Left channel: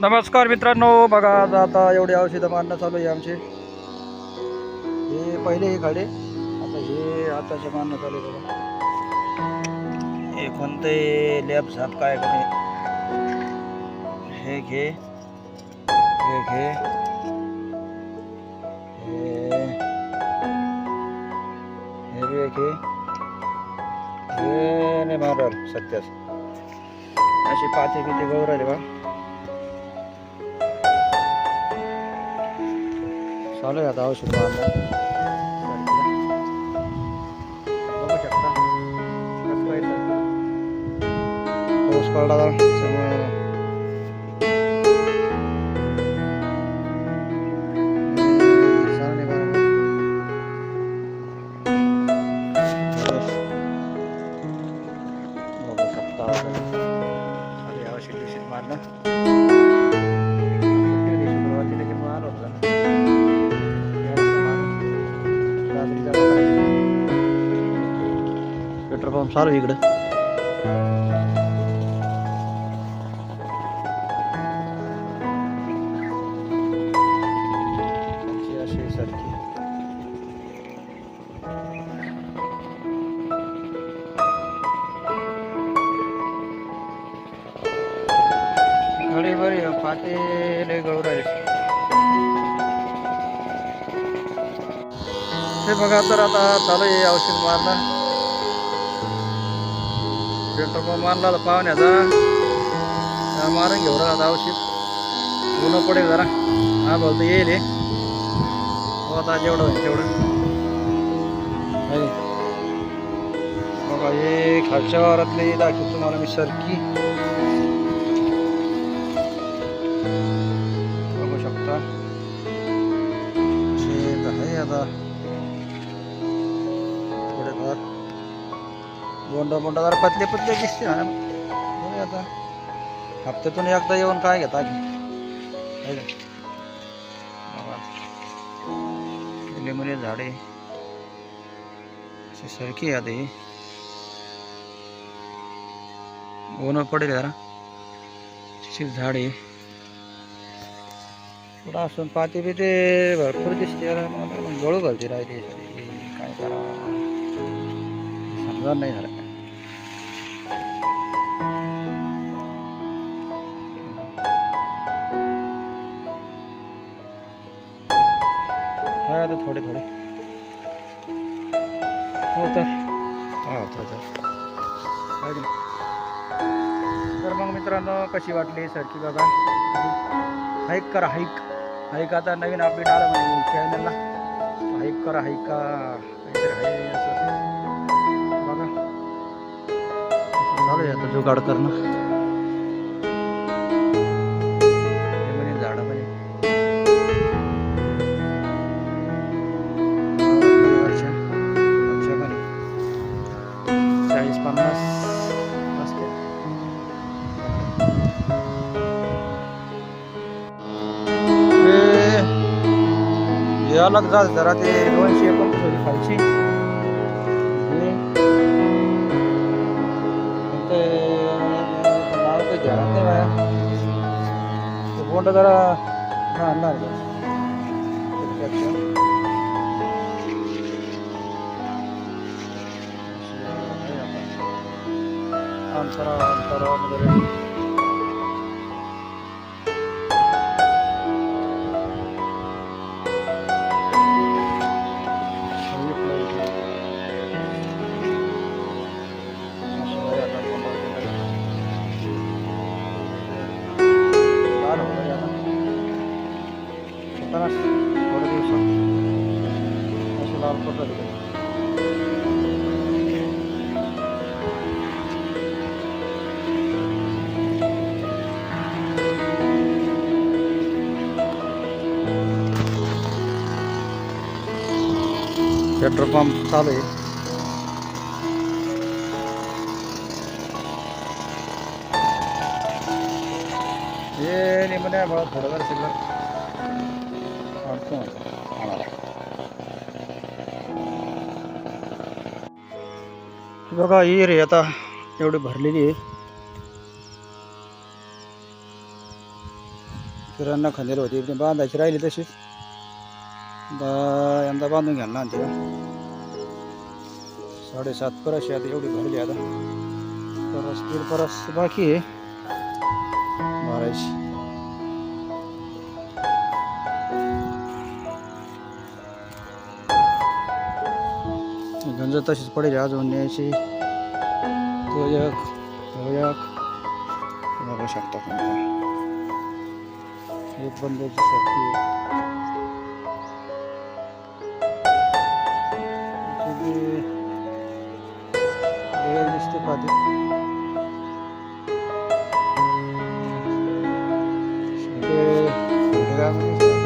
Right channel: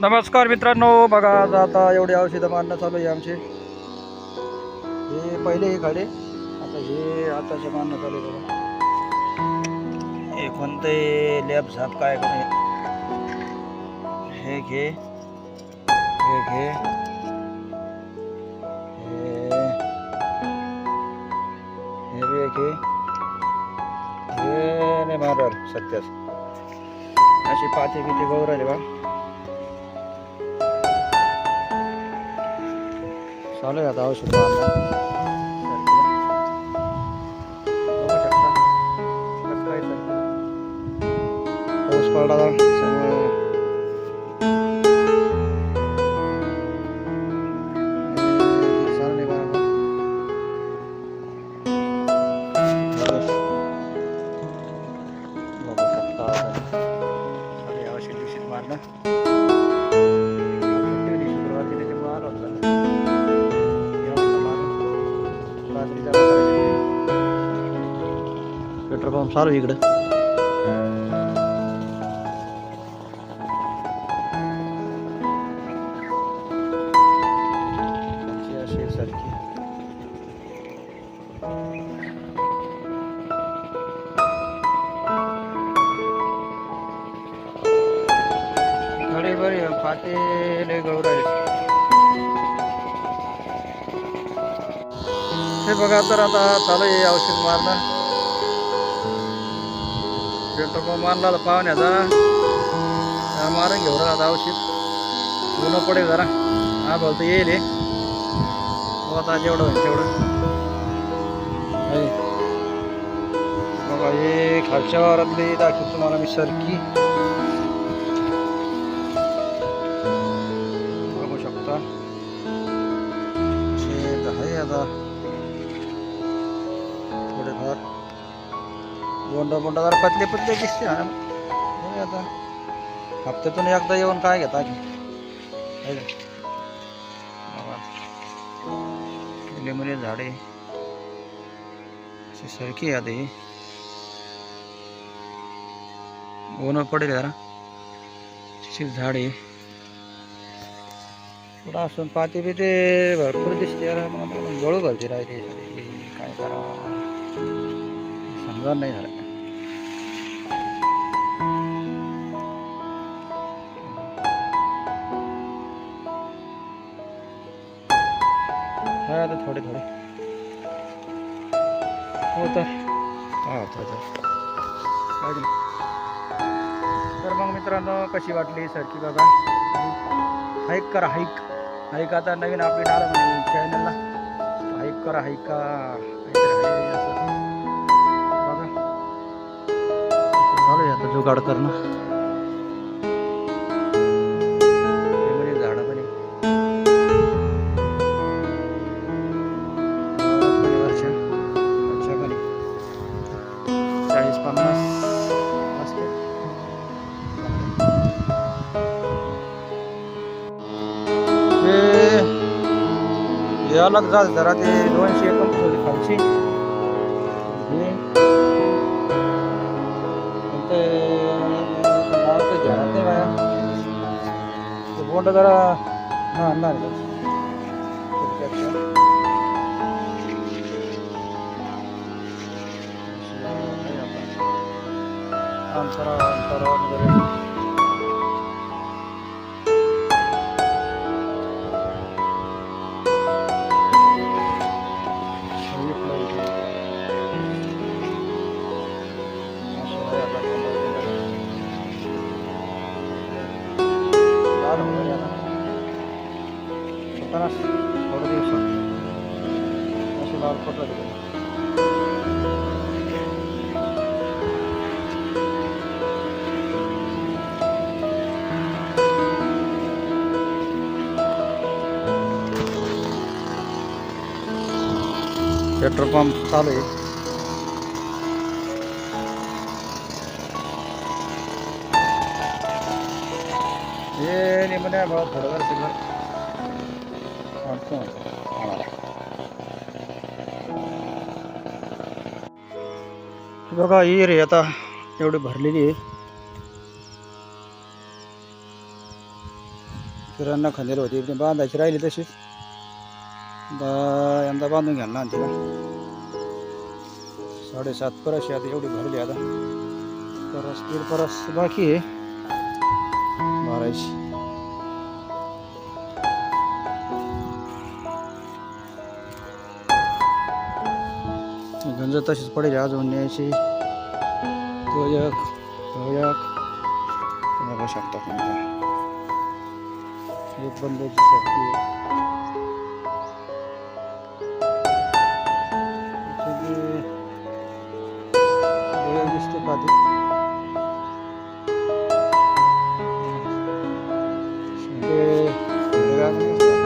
नमस्कार मित्रांनो बघा आता एवढी औषधं मारणं चालू आहे आमचे. हे पहिले हे खाडे आता हे आताचे मारणं चालू आहे बघा. हे कोणते लॅब झाप काय कमी. हे घे हे घे. हे हे बी घे. हे नाही मारणार सत्यास अशी पाते बिते गौर आले बा. चालू आहे आता औषध. बघू शकता कसं काय. पाऊस पडला जरा त्यामुळं हे दिसणार नाही बरोबर. बघू मारून रात्रीचा वगैरे घेतली. पेट्रोल पंप चालू आहे इकडं अशी अशी सारखी घडी बरी आहे, पाते लय गळू राहिले हे बघा तर आता चालू आहे औषध मारणं. पेट्रोल पंप मारला तर पाहुण्याचा. मारून घेऊ रा आता औषध. ऊन पडेल जरा. हा बोलतो येईल हो, आता जेवढं होईल तेवढं. बघा हे खालच्या वारातली दाखवतो तुम्हाला मी सरकी. बघू शकता. शेत आहे आता. घर. बोंडा बोंडा जरा पतले पतले दिसते ना. बघूया आता. हप्त्यातून एकदा येऊन काय घेता की? झाडे. अशी सरकी आहे आता ही. ऊन पडेल जरा. अशी झाडे. पुढं असून पाते बिते भरपूर दिसते. यार मला गळू घालते राहते झाडे. काय करावं? समजा नाही झालं. आता थोडे थोडे. हो तर. हा होतं तर? तर मग मित्रांनो कशी वाटली सरकी बघा? हाईक करा हाईक हाईक आता नवीन अपडेट आलं म्हणे चॅनलला हाईक करा हाईका काहीतरी आहे. चालू आहे आता जुगाड करणं. म्हणे झाडं म्हणे. वावरात म्हणे वरच्या. वरच्या म्हणे चाळीस पन्नास असते हे जरा ते दोनशे एकोणतीस होती खालची नाव काही ध्यानात नाही बाया ते बोंड जरा ना आणणार आहे त्याच्यापेक्षा आहे आता. अंतरा अंतरा वगैरे थोडे दिवसात असे लाल पत्र दिले पेट्रोल पंप चालू आहे हे निमण्या भाऊ थोडं जर सिल्वर। बघा ही रे आता एवढी भरलेली आहे. किराणा खांदेर होती ती बांधायची राहिली तशीच दा यंदा बांधून घ्याल ना तिला साडेसात परस आहे आता एवढी भरली आता. परस दीड परस बाकी आहे. मारायची गंज तशीच पडेल अजून न्यायची. तो एक तो एक. बघू शकता तुम्ही. एक बंदाची सारखी दिसते पाहते lugar, vamos lá.